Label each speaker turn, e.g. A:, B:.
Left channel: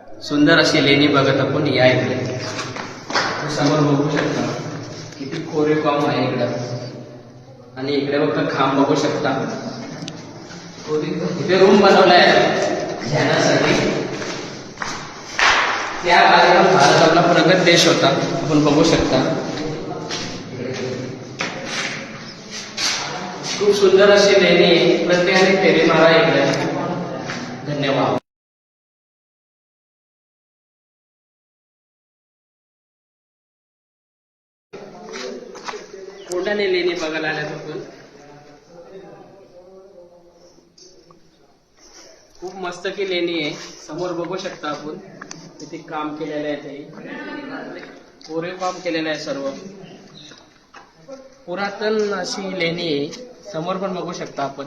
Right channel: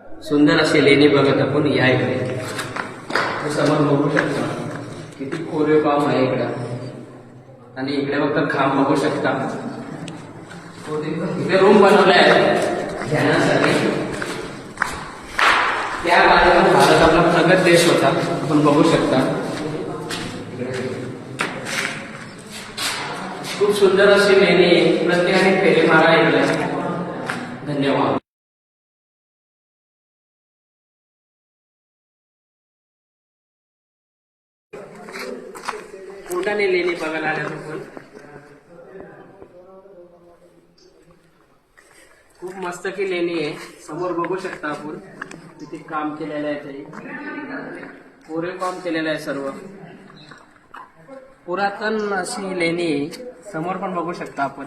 A: सुंदर अशी लेणी बघत आपण या इकडे समोर बघू शकता किती कोरीव काम आहे इकडं. आणि इकडे फक्त खांब बघू शकता. इथे रूम बनवलाय ध्यानासाठी. त्या बाजूला भारत आपला प्रगत देश होता. आपण बघू शकता. खूप सुंदर अशी लेणी प्रत्येकाने फेरी मारा इकडे. कोंडाने लेणी बघायला आल्यात आपण. खूप मस्त की लेणी आहे. समोर बघू शकता आपण. किती काम केलेलं आहे ते कोरीव काम केलेलं आहे सर्व. पुरातन अशी लेणी आहे. समोर पण बघू शकता आपण.